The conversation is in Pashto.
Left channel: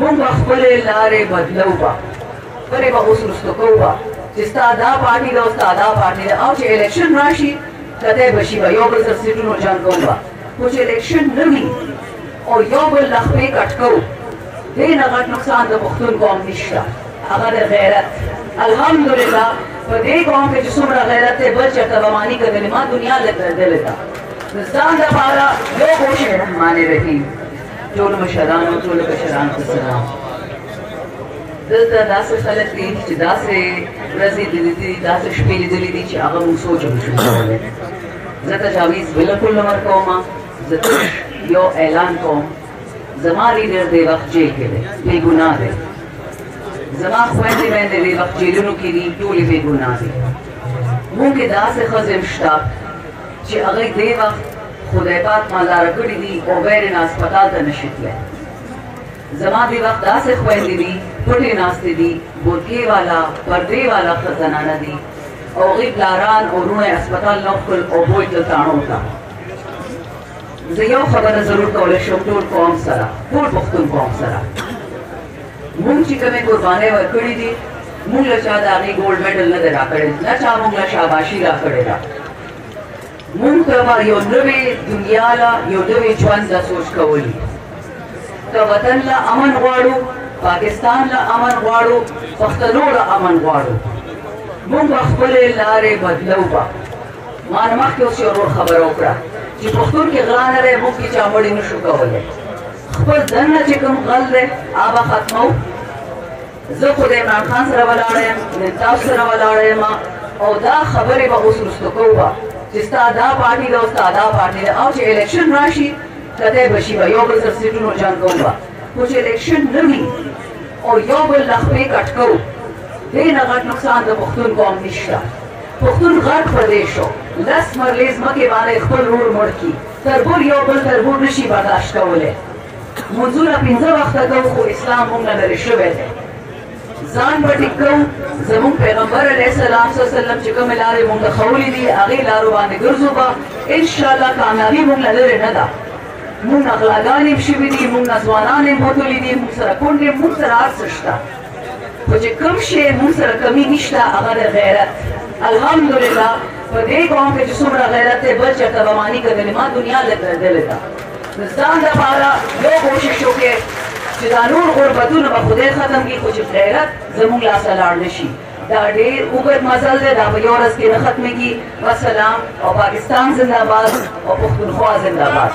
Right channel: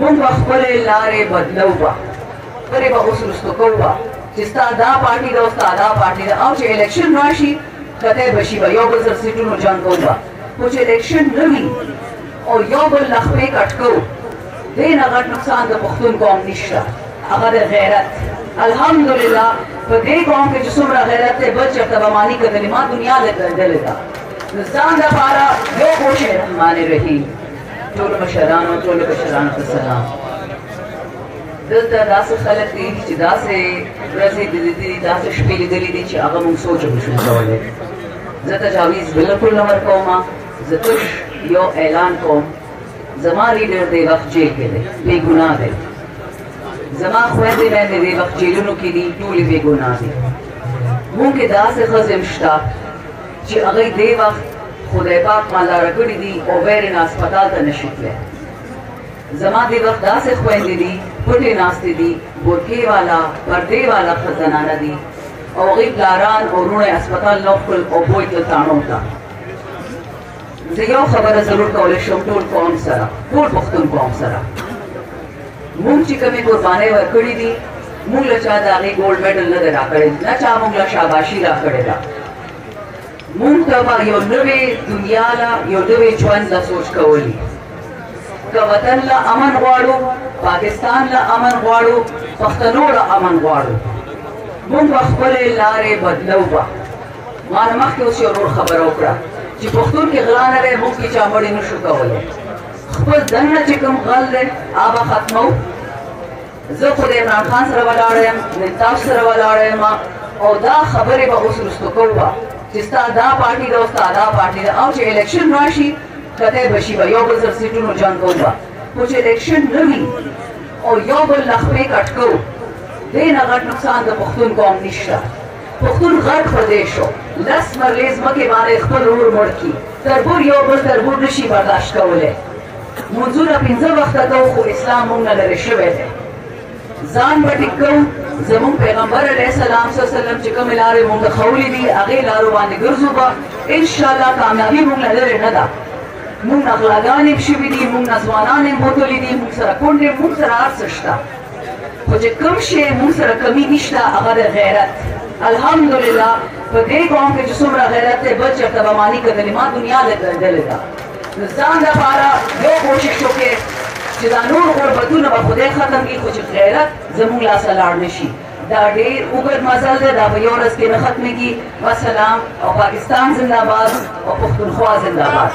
مونږ خپل لارې بدلوه پرې به اوس رستو کوه چې ستا دا پارټي ده او ستا دا پارټي ده او چې الیکشن راشي کتی به شي به یو بل سره سیټونو جنګ کوو خو چې الیکشن نه وي او یو بل لخپې کټ کوو دې نه غټ نقصان د پښتون قوم نشته هغه د غیرت الحمدلله په دې قوم کې چې څومره غیرت دی بل چېرته به ماني کتلې ما دنیا لګېدلې ده د ځان دپاره یو کوشش رحمان رحیم ټولو مشرانو ټولو کشرانو ته سلام دلته داسې خلک دي چې داسې ورځې لیدلې دي داسې شپې لیدلې دي چې هغه موږ سوچ هم نشو کولی زه تجاویز بلکل نه ورکوم زه تش یو اعلان کوم زما لیډر دې وخت جیل کې دی بې ګناه دی زما خویندې میندې دې وخت جیلونو کې دي ټولې بې ګناه دي موږ کې داسې ښځې هم شته چې هغوی دې وخت خدای پاک مالداره کړي دي او غیر نه هسپتال ته نشي تللی زما دې وخت داسې خویندې دي پټې ناستې دي بورکې والا پردې والا زنانه دي او هغوی پلاران او وروڼه یې هسپتال نه کړل او بوی تل تاڼو ته زه یو خبره ضرور کولی شم ټول قوم سره ټول پښتون قوم سره مونږ چې کومې قربانۍ ورکړي دي مونږ له چا د هغې ګولډ میډل نه دی راکړی نه چا مونږ له شاباشي راکړې ده مونږ ته به یو نوې دنیا له یو نوې ژوند له سوچ کولی که وطن له امن غواړو پاکستان له امن غواړو پښتنو له امن غواړو مونږ به خپلې لارې بدلوه ما نه مخکې اوس یو ورور خبره وکړه چې پښتون کې غلا نه دی موږ کې چا مړی نشو کولی خپل دننه چې کوم غل دی هغه ختمو زه خو د عمران خان سره ولاړه یم د تاسو سره ولاړه یم او دا خبرې به اوس رستو کوو چې ستا دا پارټي ده او ستا دا پارټي ده او چې الیکشن راشي کتی به شي به یو بل سره سیټونو جنګ کوو خو چې الیکشن نه وي او یو بل لخپې کټ کوو دې نه غټ نقصان د پښتون قوم نشته پښتون غرق په دې شو لس مرلې ځمکې باندې خپل ورور مړ کړي تربور یو بل تربور نشي برداشت کولی منځونه 5 وخته کوو خو اسلام موږ نه لرې شوی دی ځان به ټیک کوو زموږ پیغمبر علیه السلام صلی الله علیه وسلم چې کومې لارې موږ ښولې دي هغې لارو باندې ګرځو به انشاءالله کامیابي موږ نه لرې نه ده موږ نه غلاګانې هم شوي دي موږ نه ځوانان هم بوتلي دي موږ سره کونډې موږ سره هر څه شته خو چې کوم شی موږ سره کمي نشته هغه د غیرت الحمدلله په دې قوم کې چې څومره غیرت دی بل چېرته به ماني کتلې ما دنیا لګېدلې ده د ځان دپاره یو کوشش وکړې چې دا نور غربتونه به خدای ختم کړي خو چې غیرت زموږ لاسه لاړ نه شي دا ډېر اوږد مزل دی دا په یو ورځ کې نه ختمېږي وسلام او پاکستان زنده باد او پښتونخوا زنده باد